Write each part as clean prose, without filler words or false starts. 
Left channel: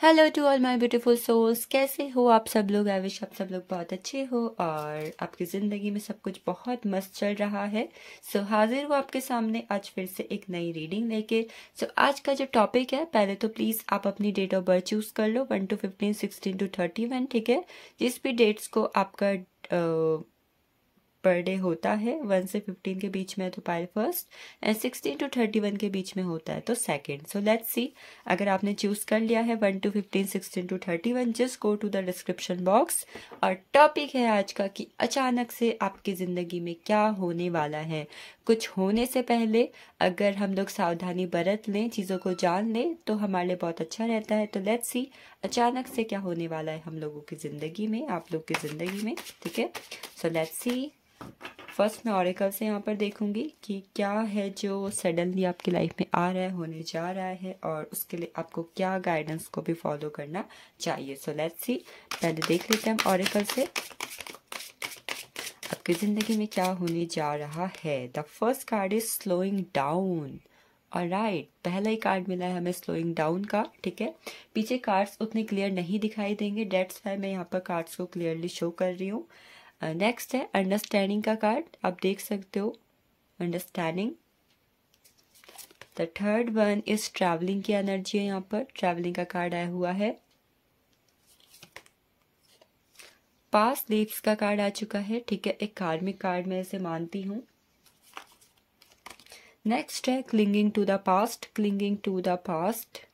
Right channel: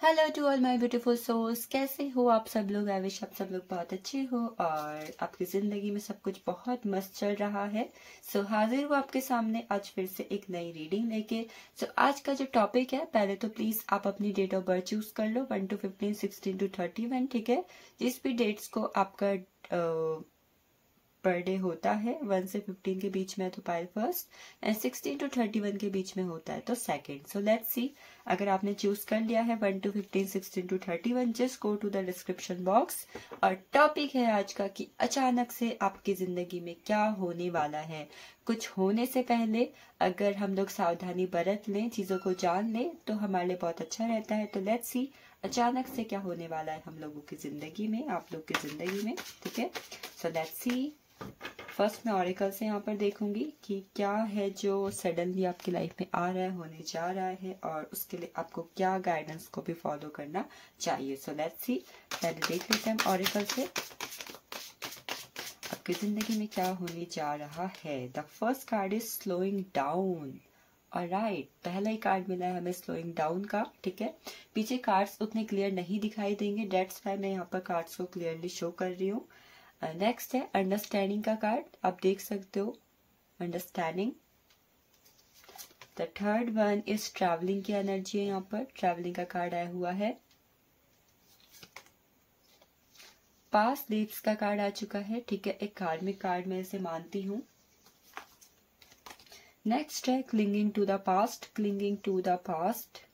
Hello to all my beautiful souls, कैसे हो आप सब लोग। आई विश आप सब लोग बहुत अच्छे हो और आपकी ज़िंदगी में सब कुछ बहुत मस्त चल रहा है। हाजिर हूँ आपके सामने आज फिर से एक नई रीडिंग लेके। आज का जो टॉपिक है, पहले तो प्लीज़ आप अपनी डेट ऑफ बर्थ चूज़ कर लो, 1 to 15, 16 to 31, ठीक है। जिस भी डेट्स को आपका पर डे होता है 1 से 15 के बीच में तो पाइल फर्स्ट, एंड 16 to 31 के बीच में होता है तो सेकंड। सो लेट्स सी, अगर आपने चूज कर लिया है 1 to 15, 16 to 31, just go to the description box. और टॉपिक है आज का कि अचानक से आपकी जिंदगी में क्या होने वाला है। कुछ होने से पहले अगर हम लोग सावधानी बरत लें, चीज़ों को जान लें, तो हमारे लिए बहुत अच्छा रहता है। तो लेट्स सी अचानक से क्या होने वाला है हम लोगों की ज़िंदगी में, आप लोग की ज़िंदगी में, ठीक है। So let's see. फर्स्ट मैं ऑरेकल से यहाँ पर देखूंगी कि क्या है जो सडनली आपकी लाइफ में आ रहा है, होने जा रहा है, और उसके लिए आपको क्या गाइडेंस को भी फॉलो करना चाहिए। सो लेट्स सी, पहले देख लेते हैं हम ऑरेकल से आपकी जिंदगी में क्या होने जा रहा है। The first card is slowing down. Alright, पहला ही कार्ड मिला है हमें स्लोइंग डाउन का, ठीक है। पीछे कार्ड्स उतने क्लियर नहीं दिखाई देंगे, डेट्स वाई मैं यहाँ पर कार्ड्स को क्लियरली शो कर रही हूँ। नेक्स्ट है अंडरस्टैंडिंग का कार्ड, आप देख सकते हो understanding. The third one is travelling की एनर्जी है, यहाँ पर ट्रैवलिंग का कार्ड आया हुआ है। पास्ट लीव्स का कार्ड आ चुका है, ठीक है, एक कार्मिक कार्ड मैं इसे मानती हूँ। नेक्स्ट है clinging to the past, clinging to the past.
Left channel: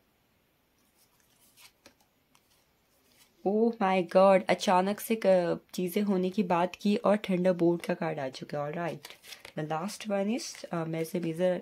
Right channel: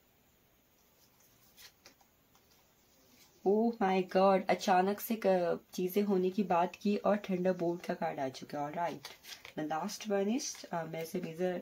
Oh my god, अचानक से चीजें होने की बात की और थंडर बोल्ट का कार्ड आ चुका है। Alright, the last one is मैं इसे मेजर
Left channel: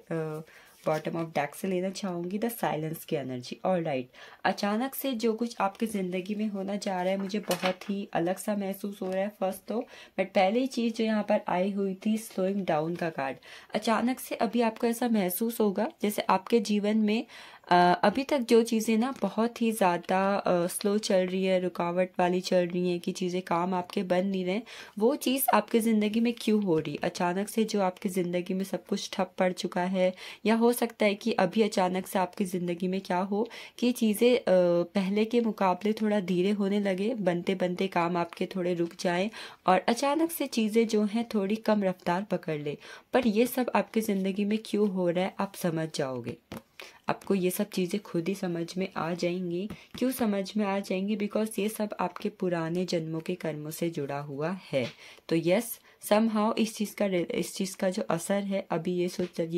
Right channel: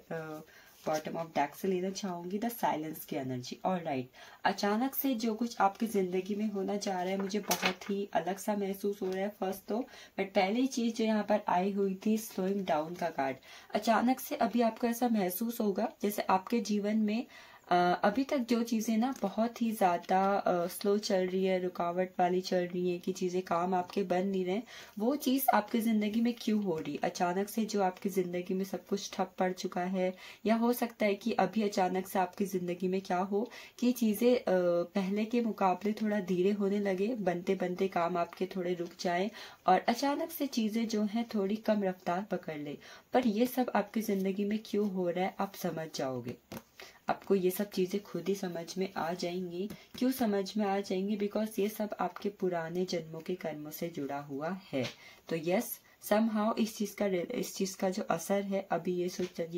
बॉटम ऑफ डेक से लेना चाहूंगी, द साइलेंस की एनर्जी। ऑलराइट, अचानक से जो कुछ आपकी जिंदगी में होना जा रहा है मुझे बहुत ही अलग सा महसूस हो रहा है फर्स्ट तो, बट पहली चीज जो यहाँ पर आई हुई थी स्लोइंग डाउन का कार्ड। अचानक से अभी आपको ऐसा महसूस होगा जैसे आपके जीवन में अभी तक जो चीज़ें ना बहुत ही ज़्यादा स्लो चल रही है, रुकावट वाली चल रही है कि चीज़ें काम आपके बन नहीं रहे, वो चीज़ आपकी ज़िंदगी में क्यों हो रही। अचानक से जो आपकी ज़िंदगी में सब कुछ ठप पड़ चुका है, या हो सकता है कि अभी अचानक से आपकी ज़िंदगी में क्या हो कि चीज़ें पहले के मुकाबले थोड़ा धीरे होने लगे, बनते बनते काम आपके थोड़े रुक जाएं और अचानक से चीज़ें जो हैं थोड़ी कम रफ्तार पकड़ ले। पर ये सब आपकी ज़िंदगी में क्यों हो रहा है आप समझ जाओगे, आपको ये सब चीज़ें खुद ही समझ में आ जाएंगी। क्यों समझ में आ जाएंगी? बिकॉज ये सब आपके पुराने जन्मों के कर्मों से जुड़ा हुआ है। तो यस, समहाउ इस चीज़ का जो असर है अभी ये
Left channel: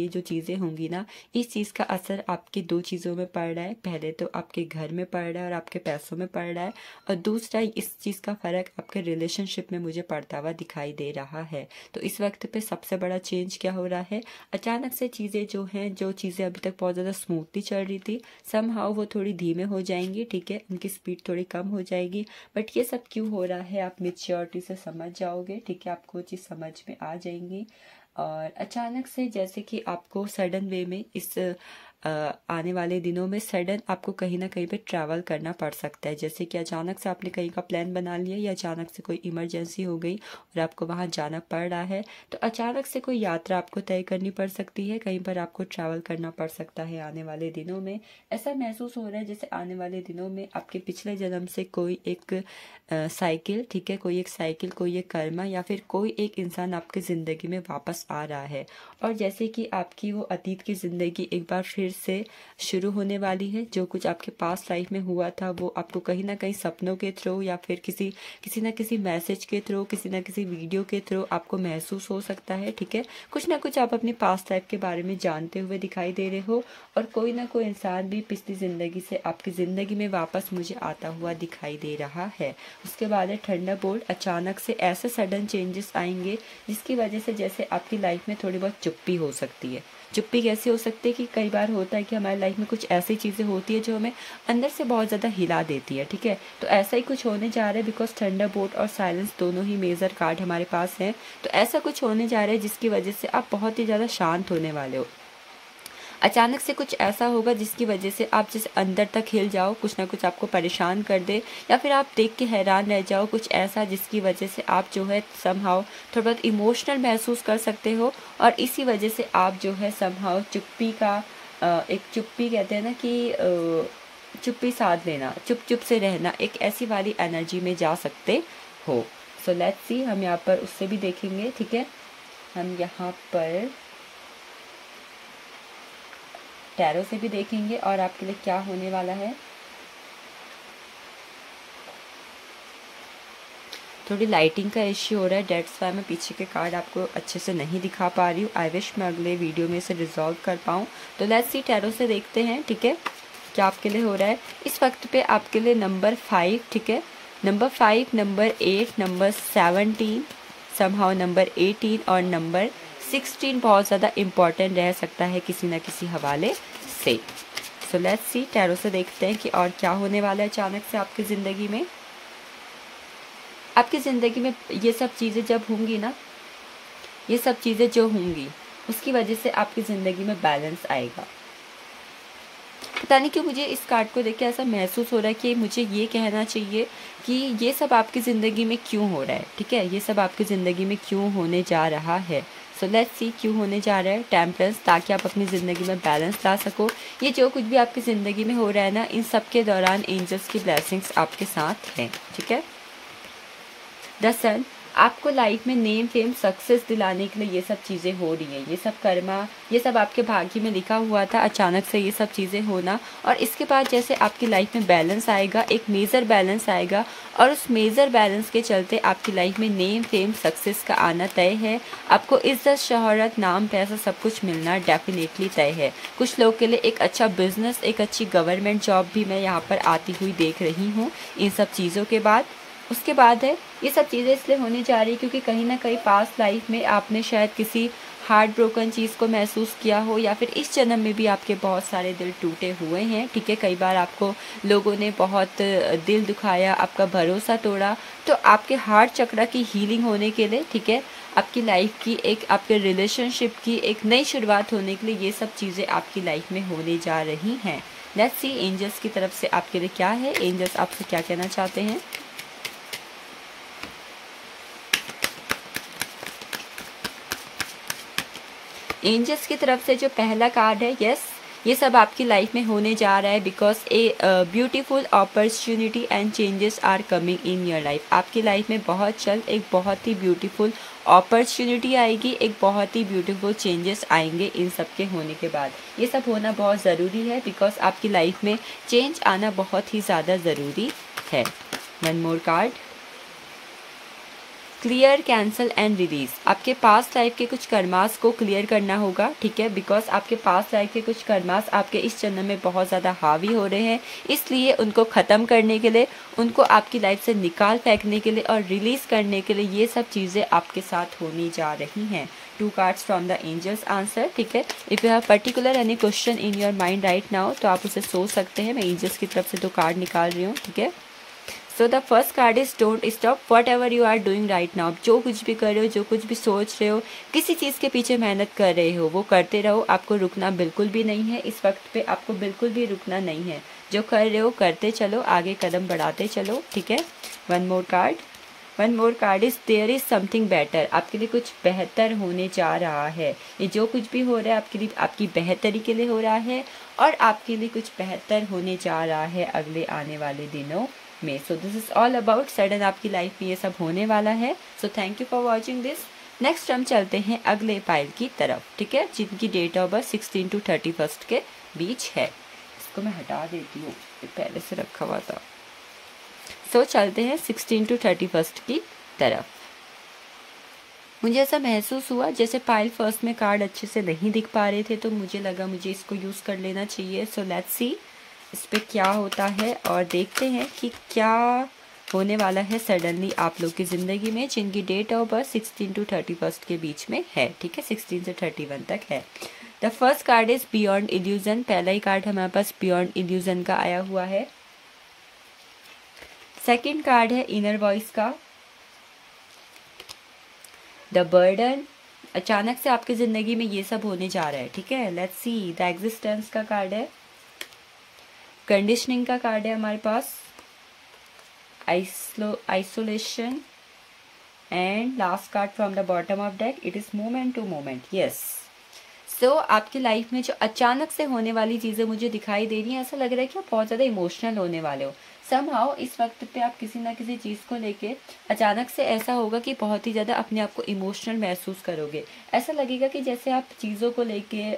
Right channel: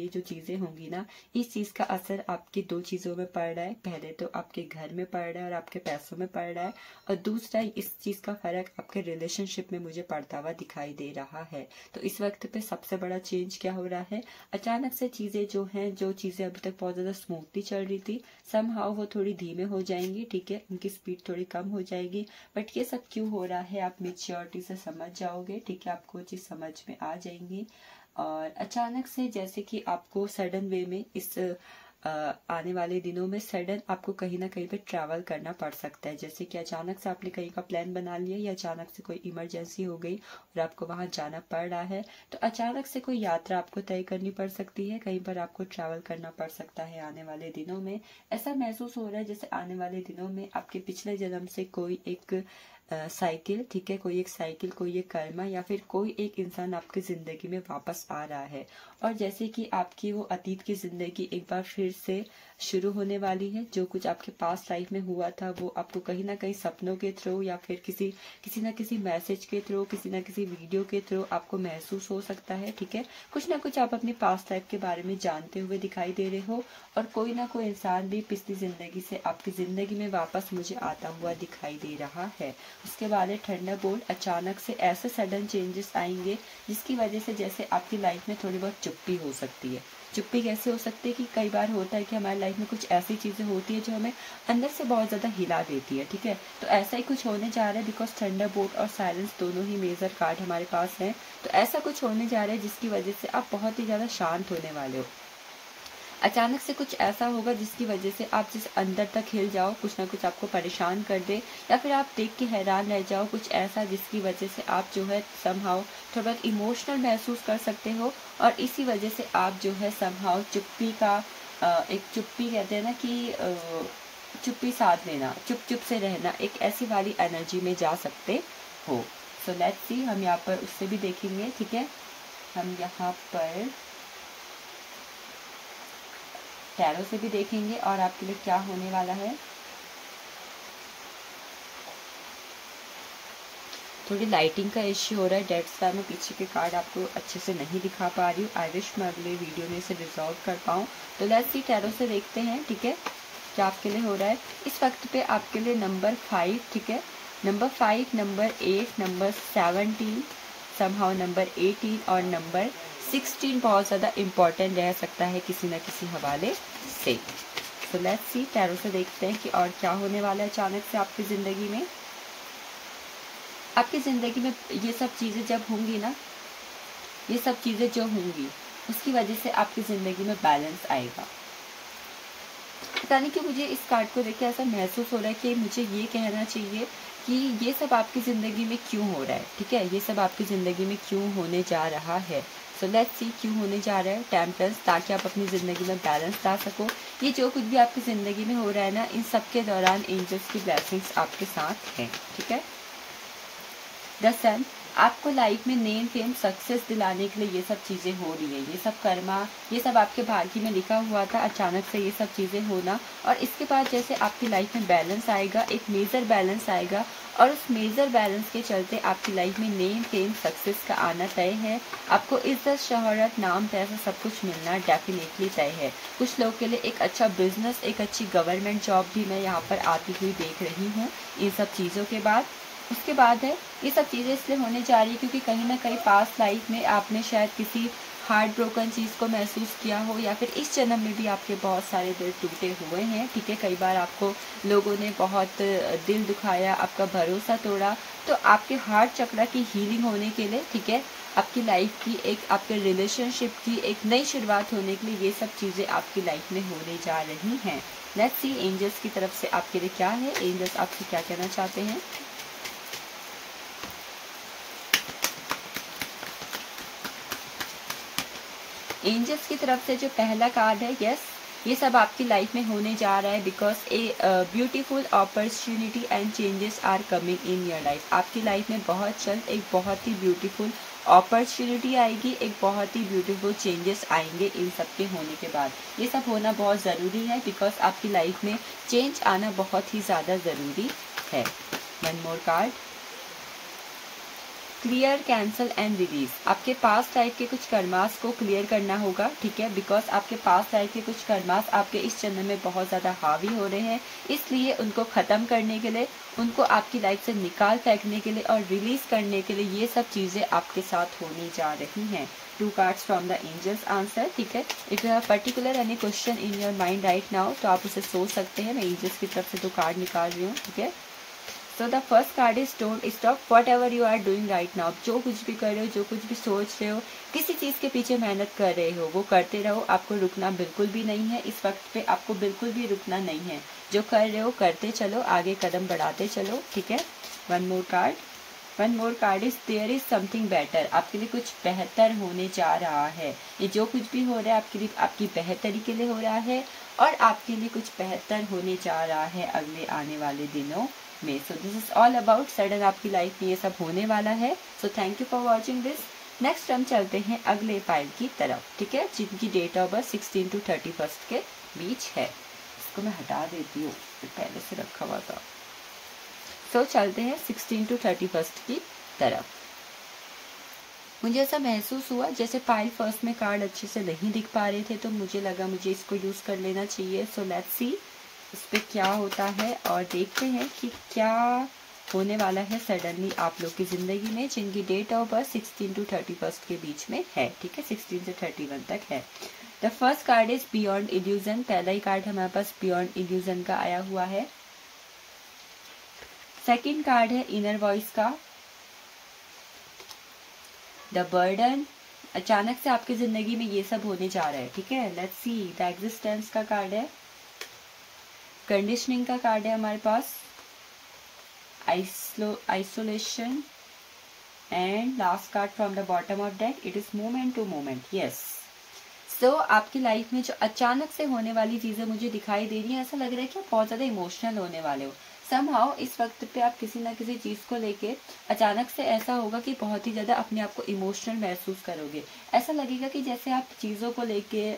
जो चीज़ें होंगी ना, इस चीज़ का असर आपकी दो चीज़ों में पड़ रहा है। पहले तो आपके घर में पड़ रहा है और आपके पैसों में पड़ रहा है, और दूसरा इस चीज़ का फ़र्क आपके रिलेशनशिप में मुझे पड़ता हुआ दिखाई दे रहा है। तो इस वक्त पे सबसे बड़ा चेंज क्या हो रहा है, अचानक से चीज़ें जो हैं, जो चीज़ें अभी तक बहुत ज़्यादा स्मूथली चल रही थी, समहाउ वो थोड़ी धीमे हो जाएंगी, ठीक है, उनकी स्पीड थोड़ी कम हो जाएगी। बट ये सब क्यों हो रहा है आप मेच्योरिटी से समझ जाओगे, ठीक है, आपको चीज़ समझ में आ जाएंगी। और अचानक से जैसे कि आपको सडन वे में इस आने वाले दिनों में सडन आपको कहीं ना कहीं पे ट्रैवल करना पड़ सकता है। जैसे कि अचानक से आपने कहीं का प्लान बना लिया, या अचानक से कोई इमरजेंसी हो गई और आपको वहां जाना पड़ रहा है, तो अचानक से कोई यात्रा आपको तय करनी पड़ सकती है, कहीं पर आपको ट्रैवल करना पड़ सकता है आने वाले दिनों में। ऐसा महसूस हो रहा है जैसे आने वाले दिनों में आपके पिछले जन्म से कोई एक साइकिल, ठीक है, कोई एक साइकिल, कोई एक कर्मा, या फिर कोई एक इंसान आपकी जिंदगी में वापस आ रहा है। और जैसे कि आपकी वो अतीत की जिंदगी एक बार फिर से शुरू होने वाली है। जो कुछ आपके पास लाइफ में हुआ था वो आपको कहीं ना कहीं सपनों के थ्रू, या फिर किसी ना किसी मैसेज के थ्रू, किसी ना किसी वीडियो के थ्रू आपको महसूस हो सकता है, ठीक है। कुछ ना कुछ आप अपनी पास्ट लाइफ के बारे में जानते हुए दिखाई दे रहे हो, और कोई ना कोई इंसान भी पिछली जिंदगी से आपकी जिंदगी में वापस मुझे आता हुआ दिखाई दे रहा है। उसके बाद है थंडर बोल्ट। अचानक से ऐसे सडन चेंजेस आएंगे जिसकी वजह से जैसे आपकी लाइफ में थोड़ी बहुत चुप्पी हो सकती है। चुप्पी कैसे हो सकती है कि कई बार होता है कि हमारी लाइफ में कुछ ऐसी चीज़ें होती है जो हमें अंदर से बहुत ज़्यादा हिला देती है, ठीक है। तो ऐसा ही कुछ होने जा रहा है, बिकॉज थंडर बोल्ट और साइलेंस दोनों ही मेजर कार्ड हमारे पास हैं। तो ऐसा कुछ होने जा रहा है जिसकी वजह से आप बहुत ही ज़्यादा शांत होने वाले हो। अचानक से कुछ ऐसा होगा जिसकी वजह से आप जैसे अंदर तक हिल जाओ, कुछ ना कुछ आपको परेशान कर दे, या फिर आप देख के हैरान रह जाओ, कुछ ऐसा जिसकी वजह से आप जो है समहाउ थोड़ा बहुत इमोशनल महसूस कर सकते हो। और इसी वजह से आप जो है समहाउ चुप्पी का एक चुप्पी कहते हैं ना कि चुप्पी साध लेना, चुप चुप से रहना, एक ऐसी वाली एनर्जी में जा सकते हो। सो लेट्स सी, हम यहाँ पर उससे भी देखेंगे, ठीक है। हम यहाँ पर टैरो से भी देखेंगे और आपके लिए क्या होने वाला है। थोड़ी लाइटिंग का इश्यू हो रहा है, डेट्स वाई मैं पीछे के कार्ड आपको अच्छे से नहीं दिखा पा रही हूँ। आई विश मैं अगले वीडियो में इसे रिजॉल्व कर पाऊँ। तो लेट्स सी, टैरो से देखते हैं, ठीक है, क्या आपके लिए हो रहा है। इस वक्त पे आपके लिए नंबर 5, ठीक है, number 5, number 8, number 17, somehow number 18 और नंबर 16 बहुत ज़्यादा इम्पॉर्टेंट रह सकता है किसी न किसी हवाले से। सो लेट्स सी, टैरो से देखते हैं कि और क्या होने वाला है अचानक से आपकी ज़िंदगी में। आपकी ज़िंदगी में ये सब चीज़ें जब होंगी ना, ये सब चीज़ें जो होंगी उसकी वजह से आपकी ज़िंदगी में बैलेंस आएगा। पता नहीं क्यों मुझे इस कार्ड को देख के ऐसा महसूस हो रहा है कि मुझे ये कहना चाहिए कि ये सब आपकी ज़िंदगी में क्यों हो रहा है, ठीक है, ये सब आपकी ज़िंदगी में क्यों होने जा रहा है। सो लेट्स सी, क्यों होने जा रहा है। टेम्परेंस, ताकि आप अपनी ज़िंदगी में बैलेंस ला सको। ये जो कुछ भी आपकी ज़िंदगी में हो रहा है ना, इन सब के दौरान एंजल्स की ब्लेसिंग्स आपके साथ हैं, ठीक है। द सन, आपको लाइफ में नेम फेम सक्सेस दिलाने के लिए ये सब चीज़ें हो रही है, ये सब कर्मा, ये सब आपके भाग्य में लिखा हुआ था, अचानक से ये सब चीज़ें होना। और इसके बाद जैसे आपकी लाइफ में बैलेंस आएगा, एक मेजर बैलेंस आएगा, और उस मेजर बैलेंस के चलते आपकी लाइफ में नेम फेम सक्सेस का आना तय है। आपको इज्जत, शोहरत, नाम, पैसा सब कुछ मिलना डेफिनेटली तय है। कुछ लोग के लिए एक अच्छा बिजनेस, एक अच्छी गवर्नमेंट जॉब भी मैं यहाँ पर आती हुई देख रही हूँ इन सब चीज़ों के बाद। उसके बाद है, ये सब चीज़ें इसलिए होने जा रही है क्योंकि कहीं ना कहीं पास्ट लाइफ में आपने शायद किसी हार्ट ब्रोकन चीज़ को महसूस किया हो, या फिर इस जन्म में भी आपके बहुत सारे दिल टूटे हुए हैं, ठीक है। कई बार आपको लोगों ने बहुत दिल दुखाया, आपका भरोसा तोड़ा। तो आपके हार्ट चक्र की हीलिंग होने के लिए, ठीक है, आपकी लाइफ की एक, आपके रिलेशनशिप की एक नई शुरुआत होने के लिए ये सब चीज़ें आपकी लाइफ में होने जा रही हैं। लेट्स सी, एंजल्स की तरफ से आपके लिए क्या है, एंजल्स आपसे क्या कहना चाहते हैं। एंजल्स की तरफ से जो पहला कार्ड है, यस, ये सब आपकी लाइफ में होने जा रहा है because a beautiful opportunity and changes are coming in your life. आपकी लाइफ में बहुत जल्द एक बहुत ही ब्यूटीफुल अपॉर्चुनिटी आएगी, एक बहुत ही ब्यूटीफुल चेंजेस आएंगे इन सब के होने के बाद। ये सब होना बहुत ज़रूरी है बिकॉज आपकी लाइफ में चेंज आना बहुत ही ज़्यादा ज़रूरी है। One more card, clear, cancel and release. आपके पास्ट लाइफ के कुछ कर्मास को क्लियर करना होगा, ठीक है, बिकॉज आपके पास्ट लाइफ के कुछ कर्मास आपके इस जन्म में बहुत ज़्यादा हावी हो रहे हैं, इसलिए उनको ख़त्म करने के लिए, उनको आपकी लाइफ से निकाल फेंकने के लिए और रिलीज़ करने के लिए ये सब चीज़ें आपके साथ होने जा रही हैं। 2 cards from the angels answer, ठीक है। If you have particular any question in your mind right now तो आप उसे सोच सकते हैं। मैं एंजल्स की तरफ से 2 कार्ड निकाल रही हूँ, ठीक है। So the first card is don't stop whatever you are doing right now. जो कुछ भी कर रहे हो, जो कुछ भी सोच रहे हो, किसी चीज़ के पीछे मेहनत कर रहे हो, वो करते रहो। आपको रुकना बिल्कुल भी नहीं है, इस वक्त पे आपको बिल्कुल भी रुकना नहीं है। जो कर रहे हो करते चलो, आगे कदम बढ़ाते चलो, ठीक है। One more card is there is something better. आपके लिए कुछ बेहतर होने जा रहा है। ये जो कुछ भी हो रहा है आपके लिए, आपकी बेहतरी के लिए हो रहा है, और आपके लिए कुछ बेहतर होने जा रहा है अगले आने वाले दिनों में। So this is all about sudden आपकी लाइफ में ये सब होने वाला है। So thank you for watching this. Next हम चलते हैं अगले पाइल की तरफ, ठीक है, जिनकी डेट ऑफ बर्थ 16 to 31 के बीच है। इसको मैं हटा देती हूँ, पहले से रखा हुआ था। सो चलते हैं 16 to 31 की तरफ। मुझे ऐसा महसूस हुआ जैसे पाइल फर्स्ट में कार्ड अच्छे से नहीं दिख पा रहे थे, तो मुझे लगा मुझे इसको यूज़ कर लेना चाहिए। सो लेट्स सी इस पे क्या होता है और देखते हैं कि क्या होने वाला है सडनली आप लोग की ज़िंदगी में, जिनकी डेट ऑफ बर्थ 16 to 31 के बीच में है, ठीक है, 16 से 31 तक है। The first card is beyond illusion. पहला ही कार्ड हमारे पास बियॉन्ड इल्यूजन का आया हुआ है। सेकेंड कार्ड है इनर वॉइस का, द बर्डन। अचानक से आपकी ज़िंदगी में ये सब होने जा रहा है, ठीक है। लेट्स सी, द एग्जिस्टेंस का कार्ड है, कंडीशनिंग का कार्ड है हमारे पास, isolation, and last card from the bottom of deck, it is moment to moment. Yes, so आपकी लाइफ में जो अचानक से होने वाली चीजें मुझे दिखाई दे रही हैं, ऐसा लग रहा है कि आप बहुत ज्यादा इमोशनल होने वाले हो। समहाउ इस वक्त पे आप किसी ना किसी चीज को लेके अचानक से ऐसा होगा कि बहुत ही ज्यादा अपने आप को इमोशनल महसूस करोगे। ऐसा लगेगा कि जैसे आप चीजों को लेके,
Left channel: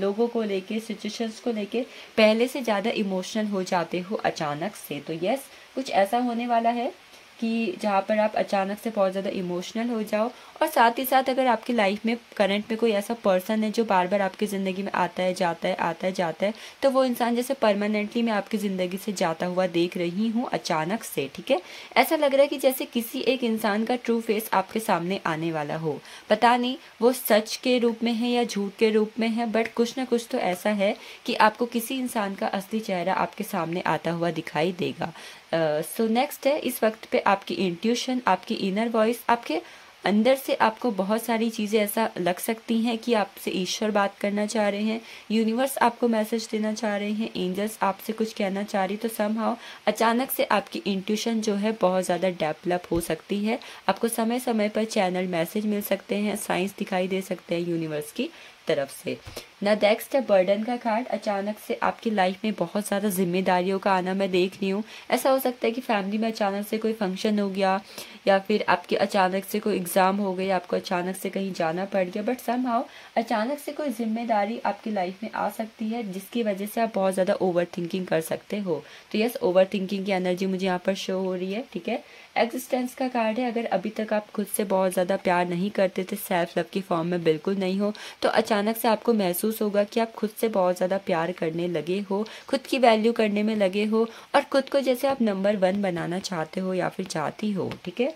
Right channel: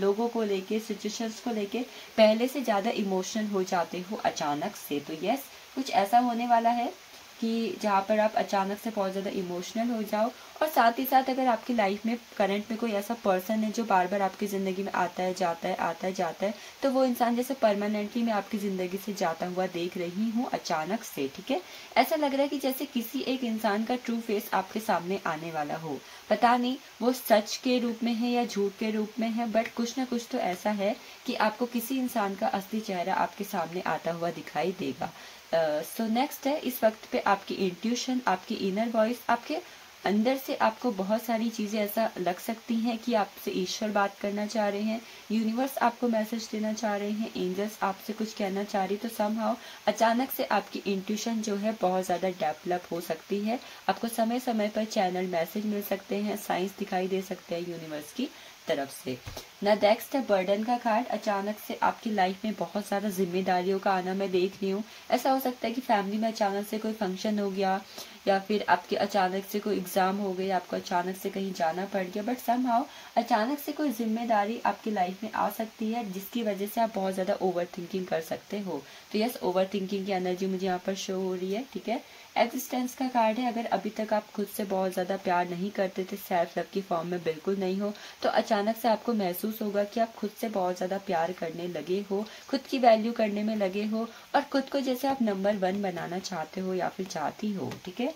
लोगों को लेके, सिचुएशंस को लेके पहले से ज्यादा इमोशनल हो जाते हो अचानक से। तो यस, कुछ ऐसा होने वाला है कि जहाँ पर आप अचानक से बहुत ज़्यादा इमोशनल हो जाओ। और साथ ही साथ अगर आपकी लाइफ में करंट में कोई ऐसा पर्सन है जो बार बार आपकी ज़िंदगी में आता है जाता है, आता है जाता है, तो वो इंसान जैसे परमानेंटली मैं आपकी ज़िंदगी से जाता हुआ देख रही हूँ अचानक से। ठीक है, ऐसा लग रहा है कि जैसे किसी एक इंसान का ट्रू फेस आपके सामने आने वाला हो। पता नहीं वो सच के रूप में है या झूठ के रूप में है, बट कुछ ना कुछ तो ऐसा है कि आपको किसी इंसान का असली चेहरा आपके सामने आता हुआ दिखाई देगा। सो नेक्स्ट है, इस वक्त पे आपकी इंट्यूशन, आपकी इनर वॉइस, आपके अंदर से आपको बहुत सारी चीजें ऐसा लग सकती हैं कि आपसे ईश्वर बात करना चाह रहे हैं, यूनिवर्स आपको मैसेज देना चाह रहे हैं, एंजल्स आपसे कुछ कहना चाह रही। तो समहाउ अचानक से आपकी इंट्यूशन जो है बहुत ज्यादा डेवलप हो सकती है। आपको समय समय पर चैनल मैसेज मिल सकते हैं, साइंस दिखाई दे सकते हैं यूनिवर्स की तरफ से। ना नेक्स्ट है बर्डन का कार्ड। अचानक से आपकी लाइफ में बहुत ज्यादा जिम्मेदारियों का आना मैं देख रही हूँ। ऐसा हो सकता है कि फैमिली में अचानक से कोई फंक्शन हो गया, या फिर आपके अचानक से कोई एग्जाम हो गई, आपको अचानक से कहीं जाना पड़ गया, बट समहाउ अचानक से कोई जिम्मेदारी आपकी लाइफ में आ सकती है जिसकी वजह से आप बहुत ज्यादा ओवर थिंकिंग कर सकते हो। तो यस, ओवर थिंकिंग की एनर्जी मुझे यहाँ पर शो हो रही है। ठीक है, एग्जिस्टेंस का कार्ड है। अगर अभी तक आप खुद से बहुत ज्यादा प्यार नहीं करते थे, सेल्फ लव की फॉर्म में बिल्कुल नहीं हो, तो अचानक से आपको महसूस होगा कि आप खुद से बहुत ज्यादा प्यार करने लगे हो, खुद की वैल्यू करने में लगे हो, और खुद को जैसे आप नंबर 1 बनाना चाहते हो या फिर चाहती हो। ठीक है,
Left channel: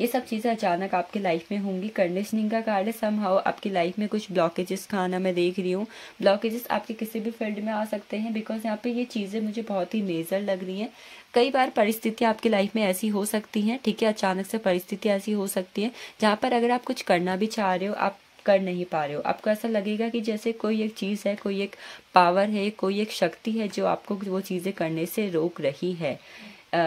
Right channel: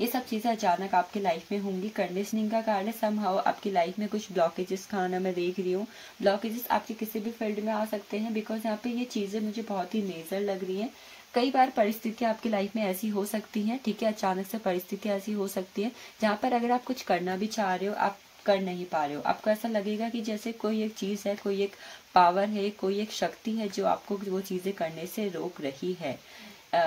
ये सब चीजें अचानक आपकी लाइफ में होंगी। कंडीशनिंग का कार्ड है। समहाउ आपकी लाइफ में कुछ ब्लॉकेजेस का आना मैं देख रही हूँ। ब्लॉकेजेस आपके किसी भी फील्ड में आ सकते हैं, बिकॉज यहाँ पे ये चीजें मुझे बहुत ही मेजर लग रही हैं। कई बार परिस्थितियां आपकी लाइफ में ऐसी हो सकती हैं, ठीक है, अचानक से परिस्थितियां ऐसी हो सकती हैं जहाँ पर अगर आप कुछ करना भी चाह रहे हो, आप कर नहीं पा रहे हो। आपको ऐसा लगेगा कि जैसे कोई एक चीज है, कोई एक पावर है, कोई एक शक्ति है जो आपको वो चीजें करने से रोक रही है।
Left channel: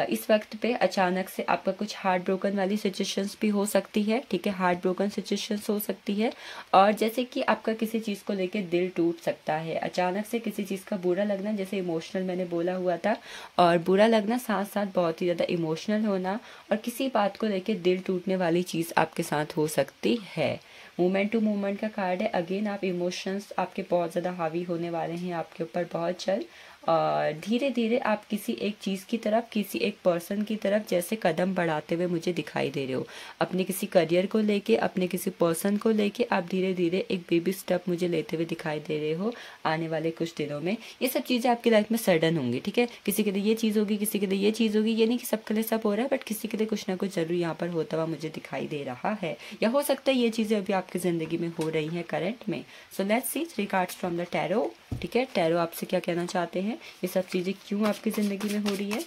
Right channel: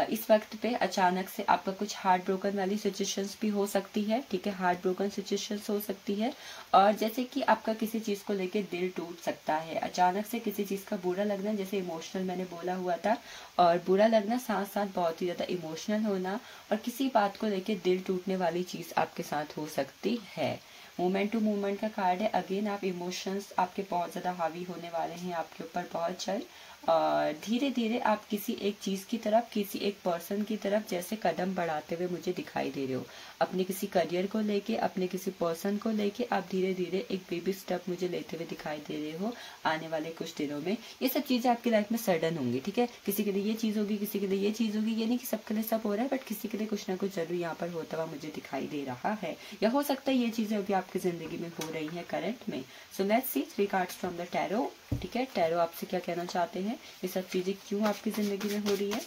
इस वक्त पे अचानक से आपका कुछ हार्ट ब्रोकन वाली सिचुएशंस भी हो सकती है। ठीक है, हार्ट ब्रोकन सिचुएशंस हो सकती है, और जैसे कि आपका किसी चीज को लेके दिल टूट सकता है। अचानक से किसी चीज का बुरा लगना, जैसे इमोशनल मैंने बोला हुआ था, और बुरा लगना साथ साथ बहुत ही ज्यादा इमोशनल होना, और किसी बात को लेके दिल टूटने वाली चीज आपके साथ हो सकती है। मूवमेंट टू मूवमेंट का कार्ड है। अगेन आप इमोशंस आपके बहुत ज्यादा हावी होने वाले हैं आपके ऊपर बहुत जल्द, और धीरे धीरे आप किसी एक चीज की तरफ, किसी एक पर्सन की तरफ जैसे कदम बढ़ाते हुए मुझे दिखाई दे रहे हो। अपने किसी करियर को लेके, अपने किसी पर्सन को लेके आप धीरे धीरे एक बेबी स्टेप मुझे लेते हुए दिखाई दे रहे हो आने वाले कुछ दिनों में। ये सब चीजें आपकी लाइफ में सडन होंगी। ठीक है, किसी के लिए ये चीज होगी, किसी के लिए ये चीज होगी। ये नहीं कि सबके लिए सब हो रहा है, बट किसी के लिए कुछ ना कुछ जरूर यहाँ पर होता हुआ मुझे दिखाई दे रहा है, या हो सकता है ये चीजें अभी आपकी जिंदगी में हो रही है करंट में। So let's see 3 cards from the tarot. ठीक है, टैरो आपसे क्या कहना चाहते हैं, ये सब चीजें क्यों आपकी जिंदगी में हो रही है।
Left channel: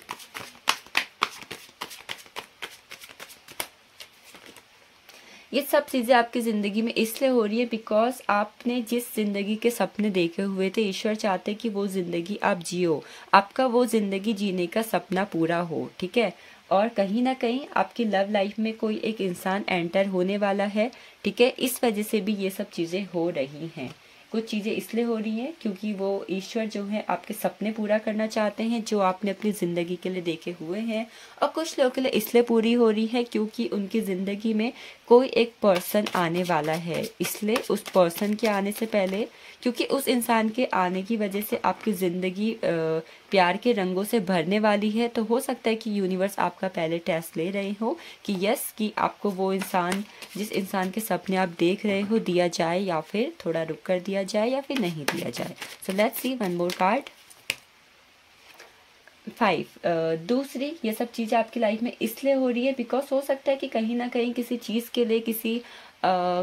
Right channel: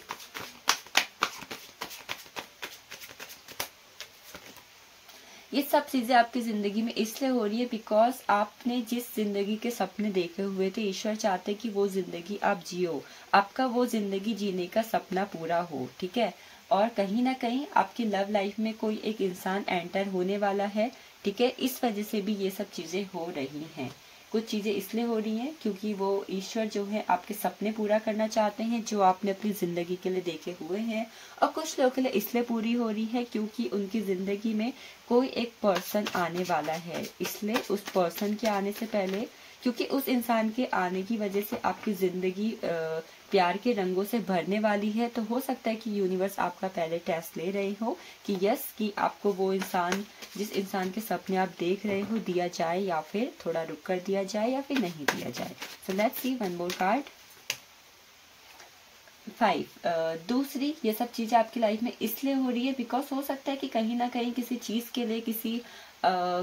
ये सब चीजें आपकी जिंदगी में इसलिए हो रही है बिकॉज आपने जिस जिंदगी के सपने देखे हुए थे, ईश्वर चाहते कि वो जिंदगी आप जियो, आपका वो जिंदगी जीने का सपना पूरा हो। ठीक है, और कहीं ना कहीं आपकी लव लाइफ में कोई एक इंसान एंटर होने वाला है। ठीक है, इस वजह से भी ये सब चीजें हो रही हैं। कुछ चीजें इसलिए हो रही हैं क्योंकि वो ईश्वर जो है आपके सपने पूरा करना चाहते हैं जो आपने अपनी जिंदगी के लिए देखे हुए हैं, और कुछ लोगों के लिए इसलिए पूरी हो रही है क्योंकि उनकी जिंदगी में कोई एक पर्सन आने वाला है। इसलिए उस पर्सन के आने से पहले, क्योंकि उस इंसान के आने की वजह से आपकी जिंदगी प्यार के रंगों से भरने वाली है, तो हो सकता है कि यूनिवर्स आपका पहले टेस्ट ले रहे हो कि यस, कि आपको वो इंसान, जिस इंसान के सपने आप देख रहे हो, दिया जाए या फिर थोड़ा रुक कर दिया जाए या फिर नहीं दिया जाए। So let's see one more card. 5 दूसरी, ये सब चीजें आपकी लाइफ में इसलिए हो रही है बिकॉज हो सकता है कि कहीं ना कहीं किसी चीज के लिए,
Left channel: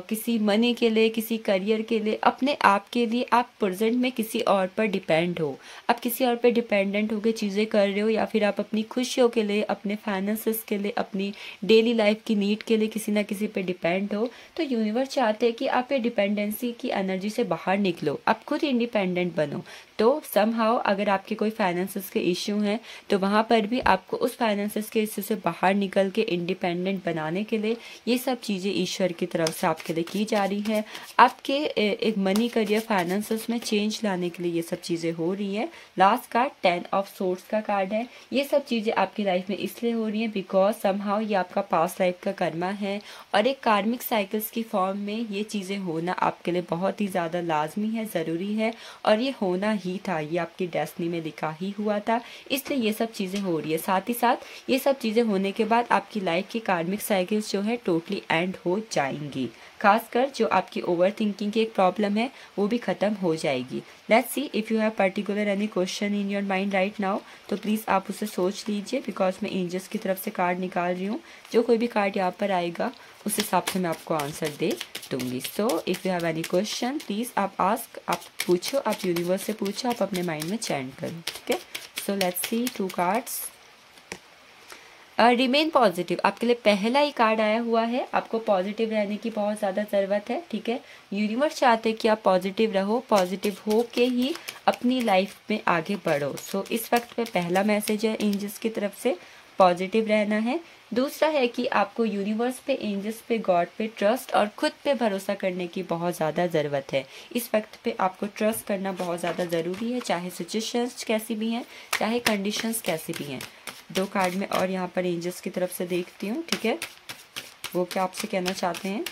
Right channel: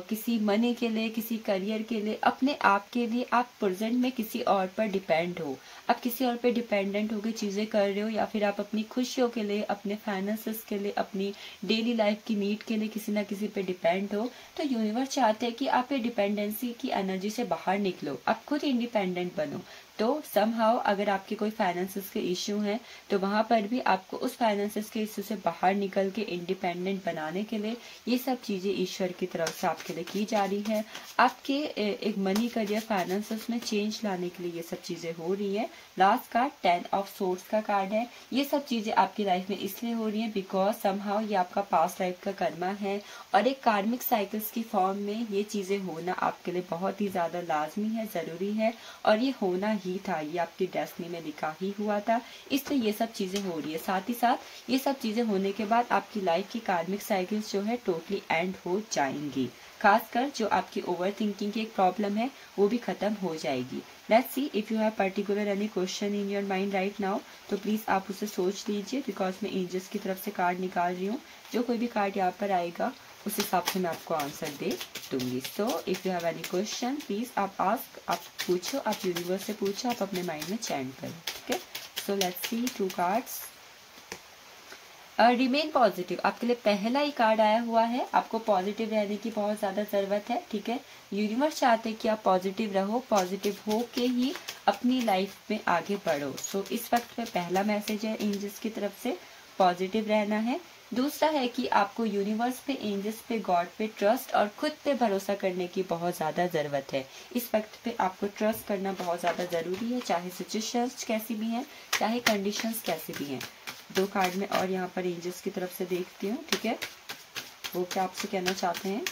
किसी मनी के लिए, किसी करियर के लिए, अपने आप के लिए आप प्रेजेंट में किसी और पर डिपेंड हो। आप किसी और पर डिपेंडेंट होकर चीजें कर रहे हो, या फिर आप अपनी खुशियों के लिए, अपने फाइनेंसेस के लिए, अपनी डेली लाइफ की नीड के लिए किसी ना किसी पे डिपेंड हो। तो यूनिवर्स चाहते हैं कि आप ये डिपेंडेंसी की एनर्जी से बाहर निकलो, आप खुद इंडिपेंडेंट बनो। तो समहाउ अगर आपके कोई फाइनेंसेस के इश्यू हैं, तो वहां पर भी आपको उस फाइनेंसेस के इश्यू से बाहर निकल के इंडिपेंडेंट बनाने के लिए ये सब चीजें ईश्वर की तरफ से आपके लिए की जा रही है। आपके एक मनी, करियर, फाइनेंस में चेंज लाने के लिए ये सब चीजें हो रही है। लास्ट कार्ड 10 ऑफ सोर्ड्स का कार्ड है। ये सब चीजें आपकी लाइफ में इसलिए हो रही है बिकॉज समहाउ ये आपका पास्ट लाइफ का कर्मा है और एक कार्मिक साइकिल्स की फॉर्म में ये चीजें होना आपके लिए बहुत ही ज्यादा लाजमी है, जरूरी है और ये होना ही था। ये आपकी डेस्टिनी में लिखा ही हुआ था, इसलिए ये सब चीजें हो रही है। साथ ही साथ ये सब चीजें होने के बाद आपकी लाइफ की कार्मिक साइकिल्स जो है टोटली एंड हो जाएंगी। खासकर जो आपकी ओवर थिंकिंग की एक प्रॉब्लम है वो भी खत्म हो जाएगी। Let's see if you have particular any question in your mind right now, तो प्लीज आप उसे सोच लीजिए बिकॉज मैं एंजल्स की तरफ से कार्ड निकाल रही हूँ। जो कोई भी कार्ड यहाँ पर आएगा उस हिसाब से मैं आपको आंसर दे दूंगी। So if you have any question please आप आस्क, आप पूछो, आप यूनिवर्स से पूछो, आप अपने माइंड में चैंट करो। ठीक है, so let's see 2 cards. Remain positive, आपके लिए पहला ही कार्ड आया हुआ है। आपको पॉजिटिव रहने की बहुत ज्यादा जरूरत है। ठीक है, यूनिवर्स चाहते हैं कि आप पॉजिटिव रहो, पॉजिटिव हो के ही अपनी लाइफ में आगे बढ़ो। सो इस वक्त पे पहला मैसेज है एंजल्स की तरफ से, पॉजिटिव रहना है। दूसरा है कि आपको यूनिवर्स पे, एंजल्स पे, गॉड पे ट्रस्ट और खुद पे भरोसा करने की बहुत ज्यादा जरूरत है। इस वक्त पे आपको ट्रस्ट करना बहुत ज्यादा जरूरी है, चाहे सिचुएशंस कैसी भी हैं, चाहे कंडीशंस कैसी भी हैं। 2 कार्ड में और यहाँ पर एंजल्स की तरफ से देखती हूँ। ठीक है, वो क्या आपसे कहना चाहते हैं।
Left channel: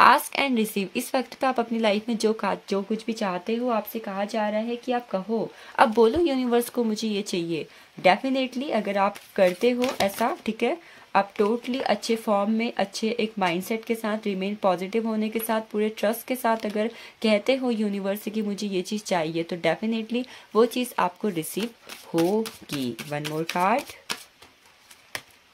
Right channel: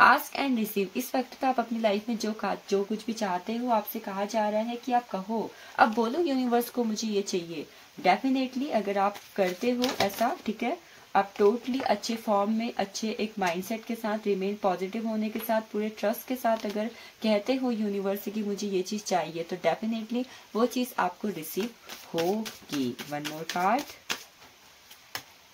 आस्क एंड रिसीव, इस वक्त पे आप अपनी लाइफ में जो कुछ भी चाहते हो आपसे कहा जा रहा है कि आप कहो, अब बोलो यूनिवर्स को मुझे ये चाहिए। डेफिनेटली अगर आप करते हो ऐसा, ठीक है, आप टोटली अच्छे फॉर्म में, अच्छे एक माइंडसेट के साथ, रिमेन पॉजिटिव होने के साथ, पूरे ट्रस्ट के साथ अगर कहते हो यूनिवर्स से कि मुझे ये चीज चाहिए, तो डेफिनेटली वो चीज आपको रिसीव होगी। 1 मोर कार्ड,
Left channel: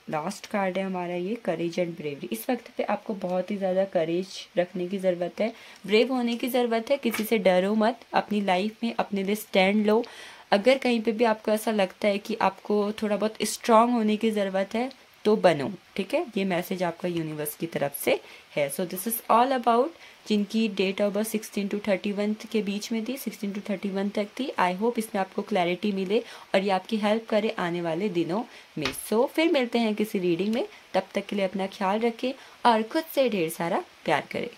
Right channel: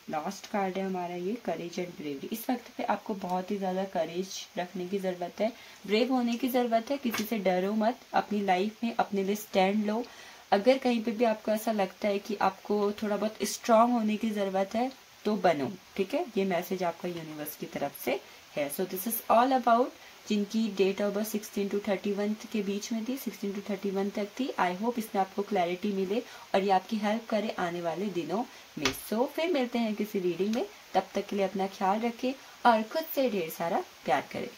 लास्ट कार्ड है हमारा ये, करेज एंड ब्रेवरी। इस वक्त पे आपको बहुत ही ज्यादा करेज रखने की जरूरत है, ब्रेव होने की जरूरत है। किसी से डरो मत, अपनी लाइफ में अपने लिए स्टैंड लो। अगर कहीं पे भी आपको ऐसा लगता है कि आपको थोड़ा बहुत स्ट्रांग होने की जरूरत है तो बनो। ठीक है, ये मैसेज आपका यूनिवर्स की तरफ से है। So this is all about जिनकी डेट ऑफ बर्थ 16 to 31 के बीच में थी, 16 to 31 तक थी। आई होप इसमें आपको क्लैरिटी मिले और ये आपकी हेल्प करे आने वाले दिनों में। सो फिर मिलते हैं किसी रीडिंग में, तब तक के लिए अपना ख्याल रखें और खुद से ढेर सारा प्यार करें।